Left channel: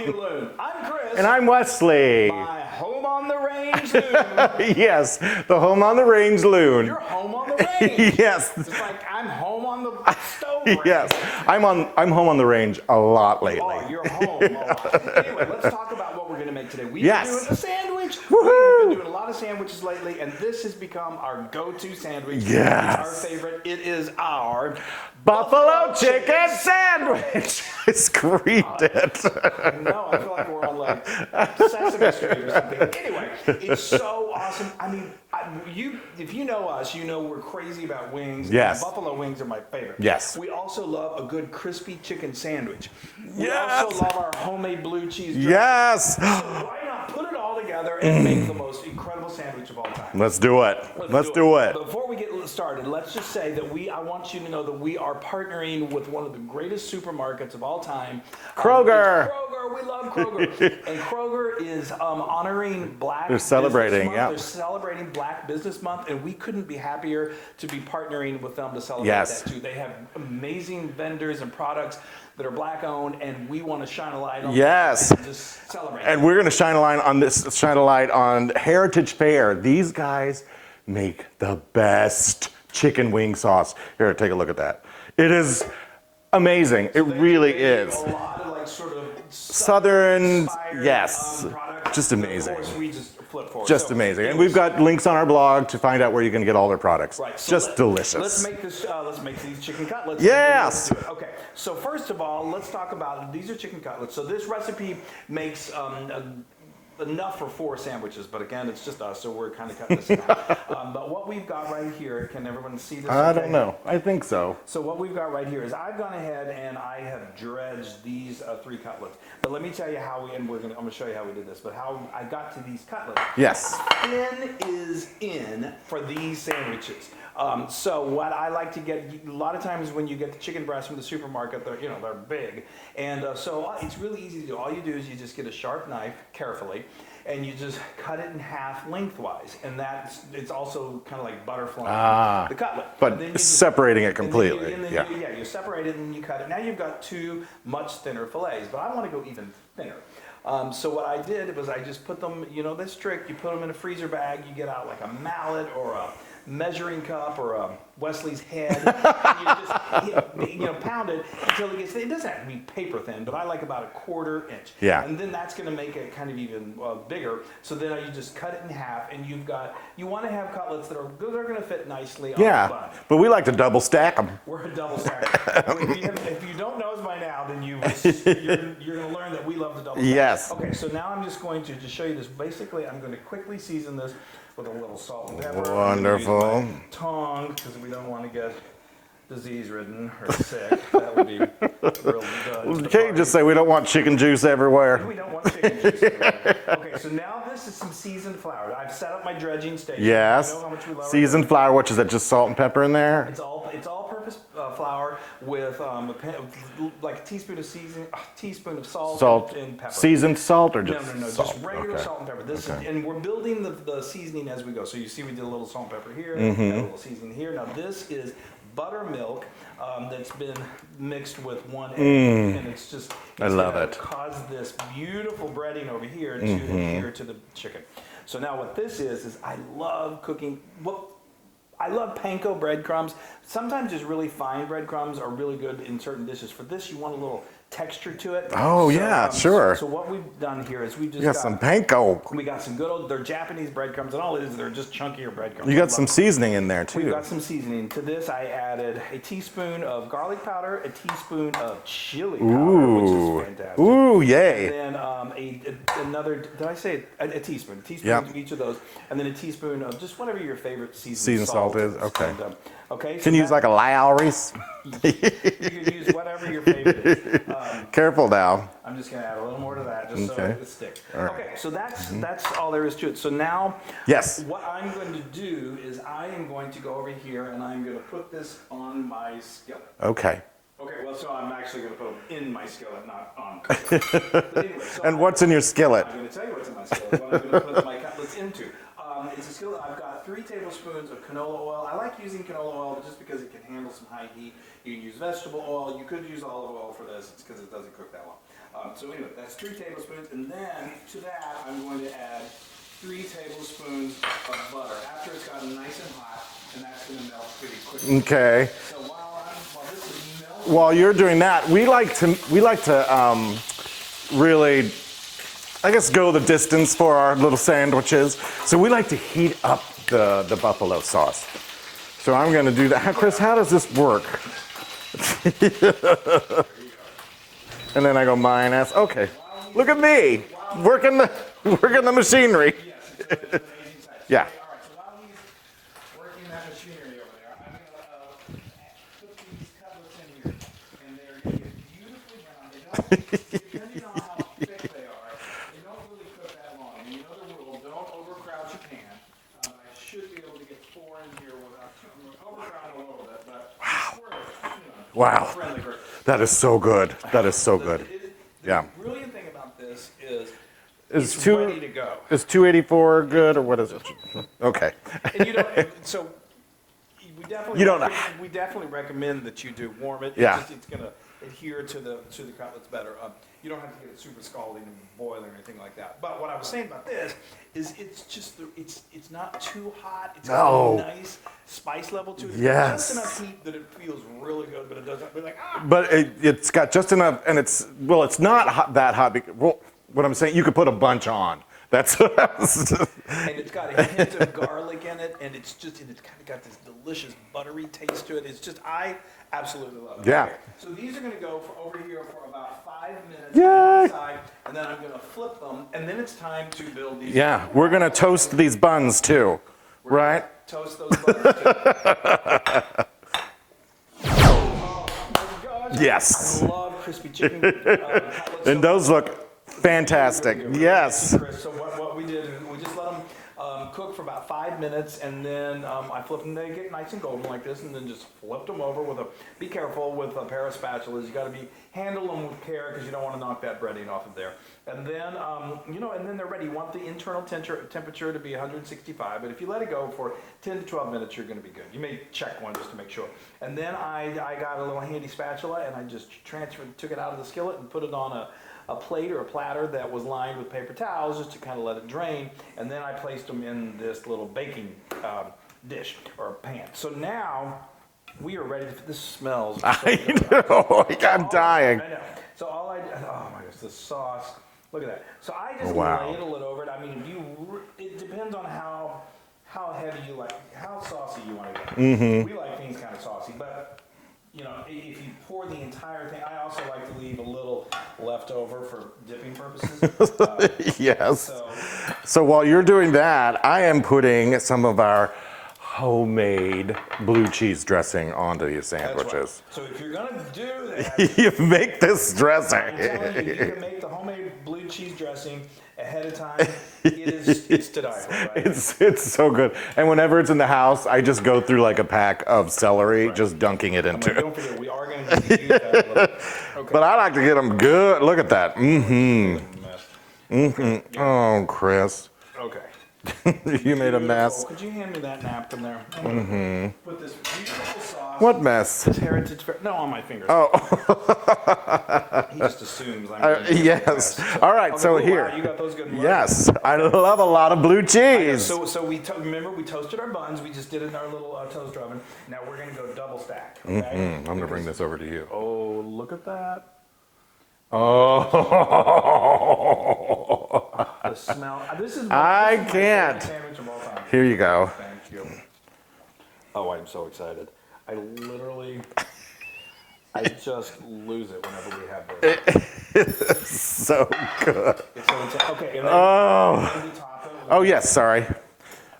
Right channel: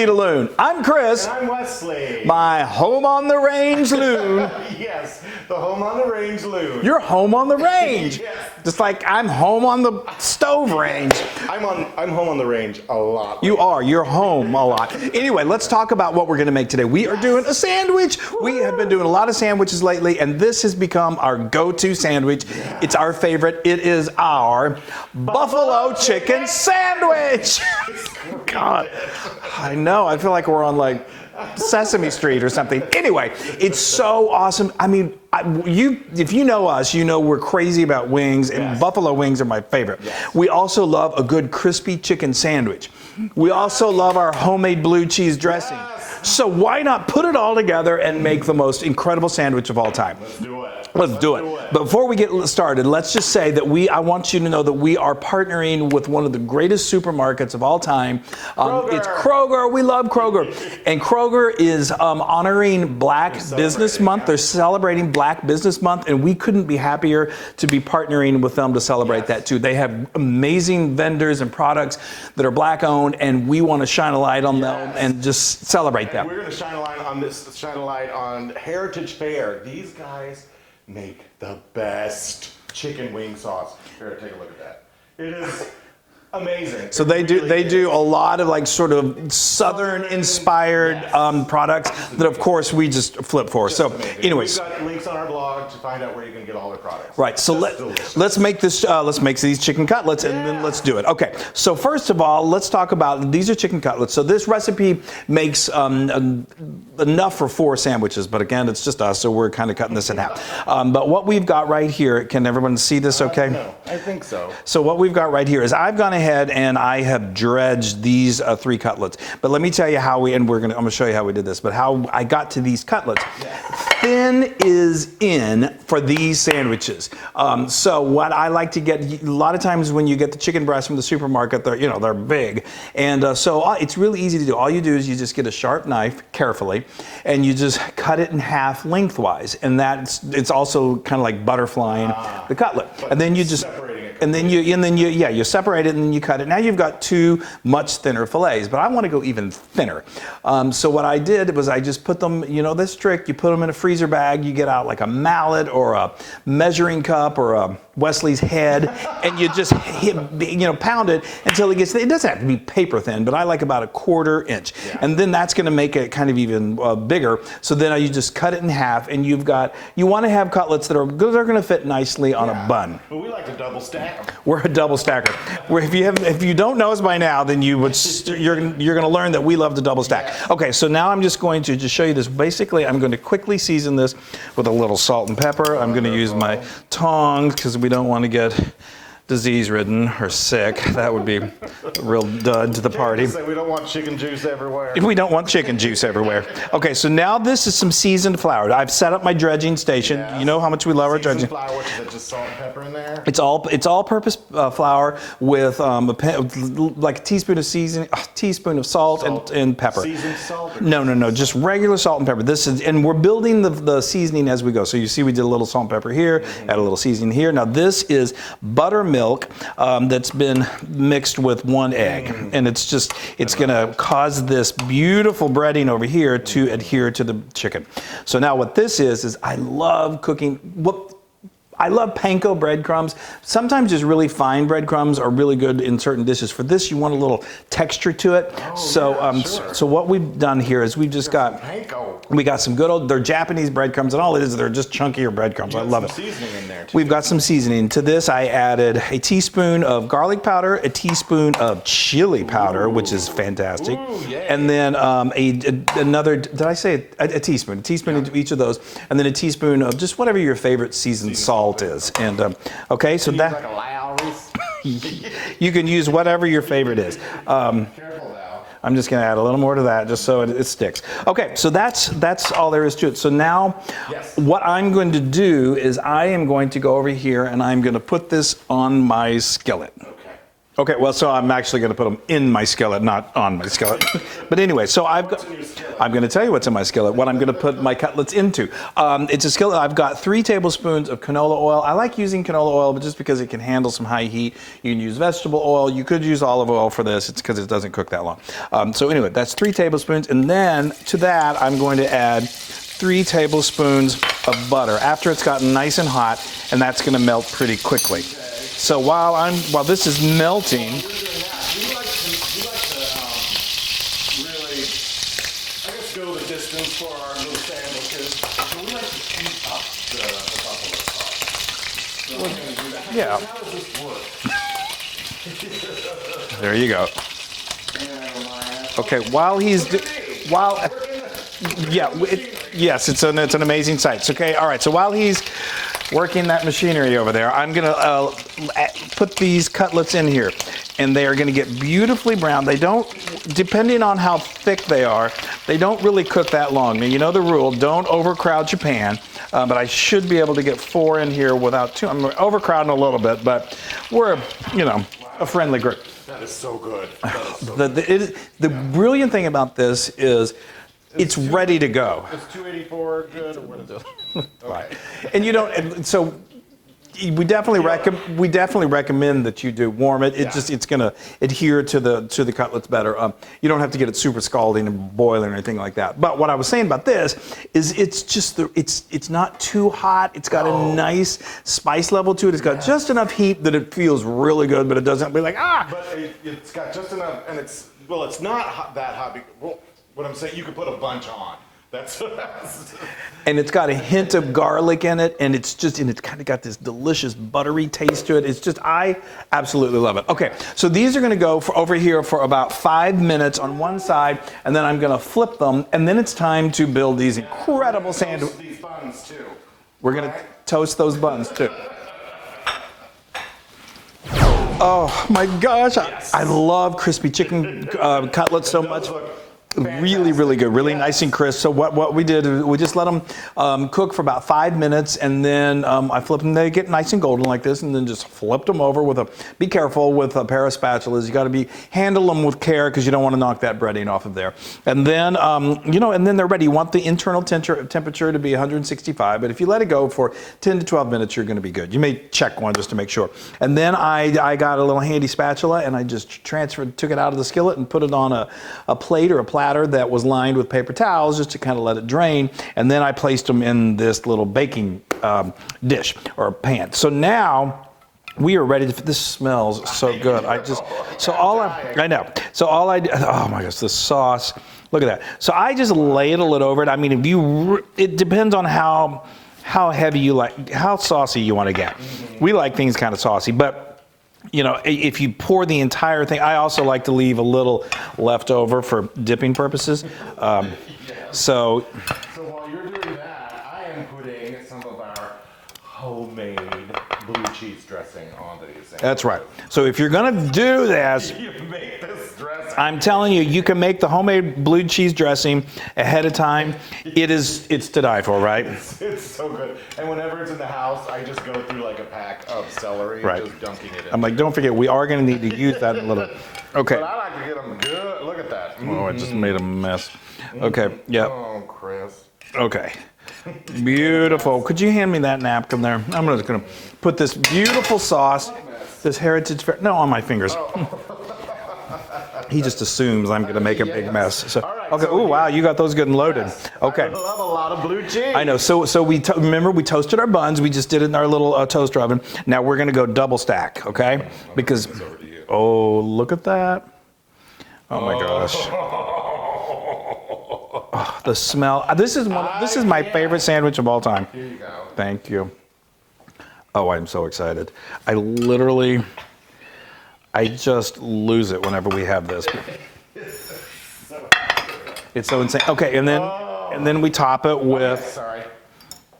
Feet of Loon. I'm Chris. And I'm Wesley. My home on the range, Loon. Yes, the home on the range, Loon. You're home on the range. Yes. Just like I'm home on the stove range. Yes. I'm home on the range a lot lately. You are. You're home a lot. Anyway, let's talk about what we're going to make today. We are doing a sandwich. Woo-hoo. We have been doing a lot of sandwiches lately, and this has become our go-to sandwich. Yes. It's our favorite. It is our buffalo chicken sandwich. I screamed it. I know. I feel like we're on like Sesame Street or something. Anyway, it's so awesome. I mean, if you know us, you know we're crazy about wings, and buffalo wings are my favorite. Yes. We also love a good crispy chicken sandwich. We also love our homemade blue cheese dressing. Yes. So why not put it all together and make the most incredible sandwich of all time? Let's do it. Let's do it. But before we get started, let's just say that I want you to know that we are partnering with one of the greatest supermarkets of all time. Kroger. It's Kroger. We love Kroger. And Kroger is honoring Black Business Month. Yeah. They're celebrating Black Business Month, and we couldn't be happier to be partnering with them to celebrate that too. They have amazing vendors and products that are Black owned, and we want to shine a light on them and just celebrate them. And we're going to shine a light on Heritage Fare. These guys make the best chicken wing sauce. Here, take a look at that. It is amazing. So they do a lot of like sort of southern inspired products just that of course we just flip for. Just amazing. Anyways, we've got links on our blog to find out where you can get all their products. Right. So delicious. Let's make this. Let's make these chicken cutlets. And let's do it. Okay. So first of all, let's talk about these are chicken cutlets. So this recipe makes enough for 4 sandwiches, but again, it's just us, so we're kind of cutting this in half. But what we've got right here, can everyone see this? Okay. I don't know. I think so. So what we've got right here is I've gone ahead and I have dredged these 3 cutlets. But let me tell you how I'm going to show you how we did this, but how I got to these cutlets. Yes. Thin is in for these sandwiches. So what I like to get, a lot of times when you get the chicken breasts from the supermarket, they're big. And so it's really easy to do. All you do is you just get a sharp knife, carefully, and you just cut it in half lengthwise. And it's also kind of like butterflying the cutlet. But and then you just separating it completely. And then you separate it and then you cut it. Now you've got 2 much thinner fillets, but I want to go even thinner. So what I did was I just put them, this trick, you put them in a freezer bag, you get out like a mallet or a measuring cup or a Wesley's head, and you just pound it until it gets, it doesn't have to be paper thin, but I like about 1/4 inch. Yeah. And then that's going to make it kind of even bigger. So then you just cut it in half, and you want to have cutlets that are going to fit nicely on a bun. But we like to double stack them. We're a double stacker. If you don't know us by now, then you're going to learn that we love to double stack. Yes. Okay, so now I'm just going to show you this. Basically, I'm going to quickly season this with a little salt and pepper. Wonderful. I'm going to use my tongs because we don't want to get disease-ridden or sick. That would be a real dud to the party. Just say we don't want chicken juice everywhere. We don't want chicken juice everywhere. Okay, so now this is some seasoned flour. I've set up my dredging station. Yes. You know how much we love our dredging. Seasoned flour, what is that, just salt and pepper in there? It's all-purpose flour with like a teaspoon of seasoning, a teaspoon of salt and pepper. Seasoned salt or No, just regular salt and pepper. And we're building the seasoning as we go. So you see we did a little salt and pepper here, add a little seasoning here. Now this is buttermilk that's been mixed with 1 egg, and it's going to cause this beautiful breading over here to adhere to the chicken. So now what this is I love cooking. I love panko breadcrumbs. Sometimes just really fine breadcrumbs are really good in certain dishes. For this, you want a little texture to it. Oh, sure. So what we've done here is we've just got some panko. We got some good they're Japanese breadcrumbs, and all it is, they're just chunkier breadcrumbs. You got some seasoning in there, too. We've got some seasoning. To this, I added a teaspoon of garlic powder, a teaspoon of chili powder, which is fantastic. Ooh, yay. And then another, did I say a teaspoon? A teaspoon of each of those, and then a teaspoon of just whatever your favorite seasoned salt is. Okay. And so you can use like a Lowry's. You can use whatever your favorite is. Careful now. I'm just going to add a little more to that just so it sticks. Right. Okay, so that's all there is to it. So now what I'm going to do is I am going to go over here and I'm going to put this on my skillet. Okay. Okay, well, so I'm actually going to put them in my skillet, not on my skillet. But anyway, so what's in your skillet? I'm going to tell you what's in my skillet, what I'm going to put my cutlets into. It's a skillet. I've got 3 tablespoons of canola oil. I like using canola oil, but just because it can handle some high heat. You can use vegetable oil. You could use olive oil for this. It's because it doesn't cook that long. So anyway, that's 3 tablespoons. And then to that, I'm going to add 3 tablespoons of butter after it's gotten nice and hot, and that's going to melt pretty quickly. Okay. So while this is melting, while you're doing that, we like to really, I guess, go the distance for our little sandwiches. So we like to heat up the buffalo sauce. So I'm going to do that. Chris, how does this work? there you go. And then I go minus. Okay, while he's look at me, working the machinery. Yes, it's an amazing sight. So, okay, all right. So while he's working that machinery over there, I'm gonna put these cutlets in here, and they are gonna get beautifully brown. They don't, depending on how thick they are, they don't really cook that long. Now you know the rule: don't overcrowd your pan. But I should be able to get 4 in here without too. I'm overcrowding a little bit, but we're a friendly group. That is so good. That is so good. The brilliant thing about this is it's ready to go. Is 284 good, or what is it? Okay. And so we definitely recommend that you do warm it. It's going to adhere to the cutlets better. You don't have to get it super scalding and boiling or anything like that. But what I was saying about this is it's not too hot. It's got a nice spice level to it. It's got just enough heat that it feels really good, but it doesn't be like But it's got just enough, and it's not that hot. Well, what I'm saying, you could put a bunch on. And it's got a hint of garlic in it, and it's kind of got this delicious buttery taste to it. I absolutely love it. Yeah. Okay, so these are going to go over here for about 5 minutes on one side, and then I'm going to flip them, and then it's time to build these. Yeah, we're going to toast these buns too. We're going to toast those buns too. Oh my gosh! Yes, I love crispy chicken cutlets. And so those look fantastic. Really good, really nice and crisp. So what we did is we just let them cook for about 5 minutes, and then I flip them. They get nice and golden like this, and then just flipped them over be careful with a pair of spatulas. You got to handle them with care because you don't want to knock that breading off of there. And then and then they're ready. You want the internal temperature to be 165, but if you let it go for 10 to 12 minutes, you're going to be good. You may check one just to make sure. And then I got a little handy spatula, and I just took it out of the skillet and put it on a plate or a platter that was lined with paper towels just to kind of let it drain, and then I placed them in this little baking dish or pan. So now we are ready to. This smells so good. I'm dying. I know. So all I did. Oh my gosh, the sauce. Look at that. So I just ladle it over it. I mean, it depends on how heavy you like, how saucy you want to get. Mm-hmm. We like things kind of saucy, but. If you pour the entire thing, I also like to leave a little left over for dipping purposes. Yes. So while you're doing that, I am putting some of our homemade blue cheese dressing onto these sandwiches. That's right. So if you're going to do this, you make this dressing. I'm telling you, you can make the homemade blue cheese dressing ahead of time. It's to die for, right? It's so good. And whenever it's in the house, I just go through like a pack of celery, just dunking it into I'm like, don't forget, we are going to need to use that a little. Okay. But I like to get them good. Look at that. Oh, I just made a mess. Okay. Yeah. Oh, Chris. Okay. Beautiful. Could you hand me that napkin there? I'm just going to put this beautiful sauce. What mess? This heritage. No, on my fingers. Oh. He just assumes I'm going to make a big mess. So, all right. Okay. Wow, you got those good and loaded. Yes. Okay. I love a lot of blue cheese. I know. So remember we toasted our buns. We just did it in our little toaster oven. Now we're going to go double stack. Okay. I'm because bring this over to you. Oh, look at that. Oh my gosh. The smell. This is my favorite sandwich of all time. Here you go. Thank you. Oh, I'm so excited. I just lose it whenever we have this. It's so good. It's so insane. Okay, and then we top it with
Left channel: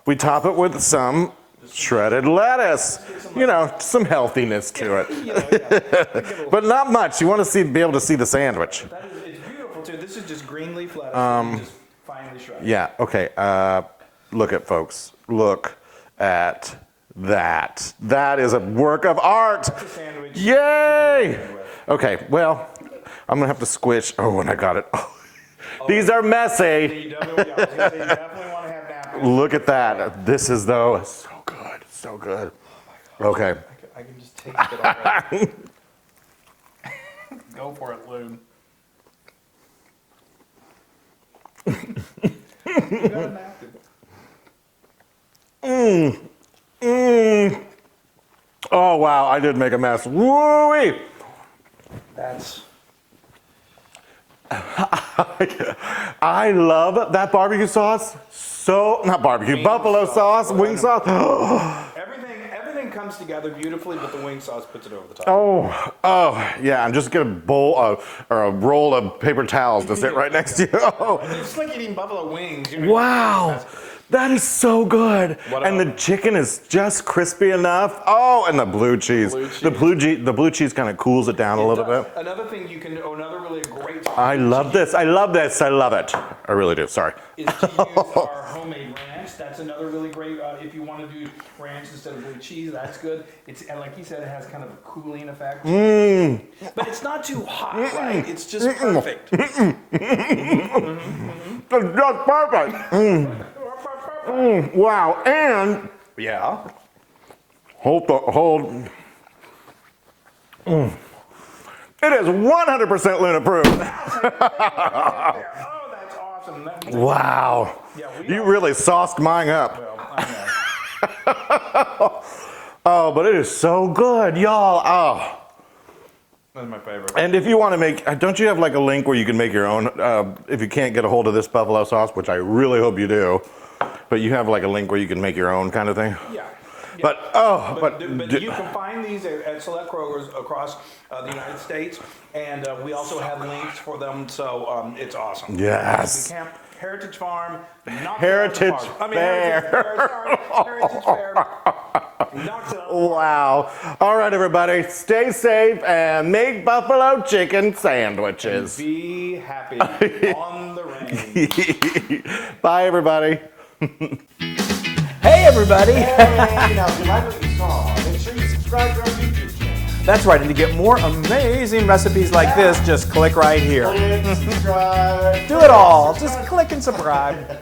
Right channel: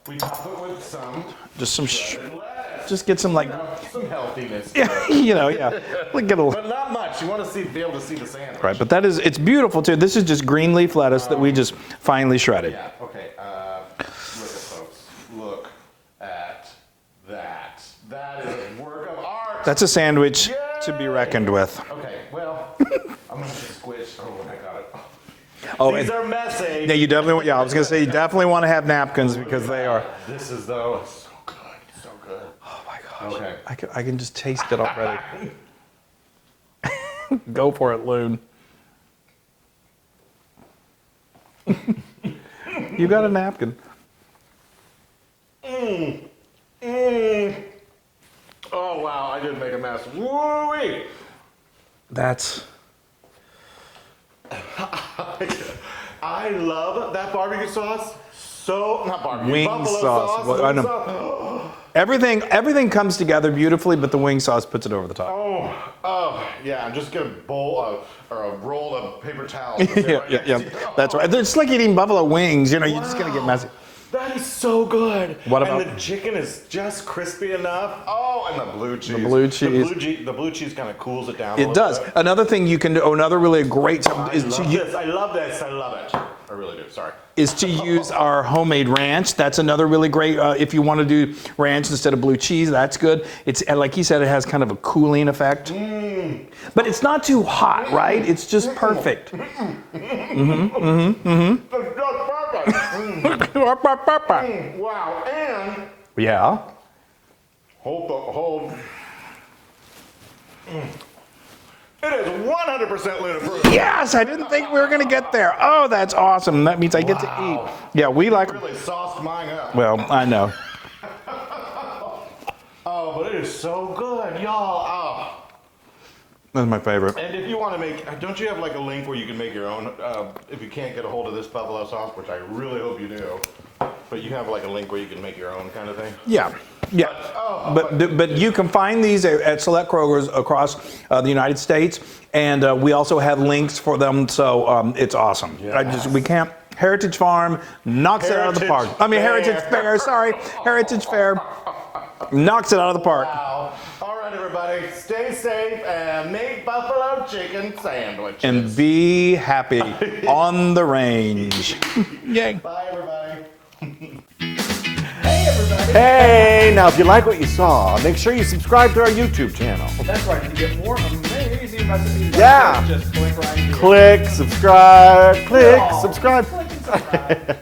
we top it with some shredded lettuce. Just get some some healthiness to it. But not much. You want to be able to see the sandwich. Right, but it's beautiful too. This is just green leaf lettuce that we just finely shredded. Yeah. Okay. Look at folks. Look at that. That is a work of art. That's a sandwich Yay! to be reckoned with. Okay, well, I'm gonna have to squish. Oh, and I got it. Oh, These are messy. Yeah, you definitely. Yeah, I was gonna say you definitely want to have napkins. Look at because they are- that. This is though so good, so good. Oh my gosh. Okay. I can just taste it already. Go for it, Loon. You got a napkin. Oh wow, I did make a mess. Woo-wee. That's. I love that barbecue sauce. So not barbecue, Wing buffalo sauce. sauce, Well, I wing know. sauce. Everything comes together beautifully, but the wing sauce puts it over the top. Oh, yeah. I'm just gonna bowl or a roll of paper towels to sit right next to you. That's right. It's like eating buffalo wings. You know, you're just gonna get Wow, messy. that is so good. What And about- the chicken is just crispy enough. Oh, and the blue cheese. The blue cheese kind of cools it down a It little does. bit. Another thing you can do, another really great I love this. I love this. I love it. I really do. Sorry. is to use our homemade ranch. That's another really great, if you want to do ranch instead of blue cheese, that's good. It's, and like he said, it has kind of a cooling effect. But it's not too hot, right? It's just perfect. It's just perfect. Wow. And Yeah. hold. It is 100% Loon approved. Yes, I didn't think we were going to get there. Oh, that's awesome. That means I get to Wow. eat. Yeah, we You like. really sauced mine up. Well, I know. Oh, but it is so good, y'all. Oh. That's my favorite. And if you want to make, don't you have like a link where you can make your own, if you can't get a hold of this buffalo sauce, which I really hope you do, but you have like a link where you can make your own kind of thing? Yeah. Yeah. But, You can find these at select Krogers across the United States, and we also have links for them, so it's awesome. Yes. We can't. Heritage Farm knocks it out of the park. Heritage I mean, Heritage Fair, sorry. Heritage Fair knocks it out of the park. Wow. All right, everybody, stay safe and make buffalo chicken sandwiches. And be happy on the range. Yay. Bye, everybody. Hey everybody! Hey, now if you like what you saw, make sure you subscribe to our YouTube channel. That's right, and to get more amazing recipes like Yeah. this, just click right here. Click, subscribe, Do it all. subscribe. Just click and subscribe.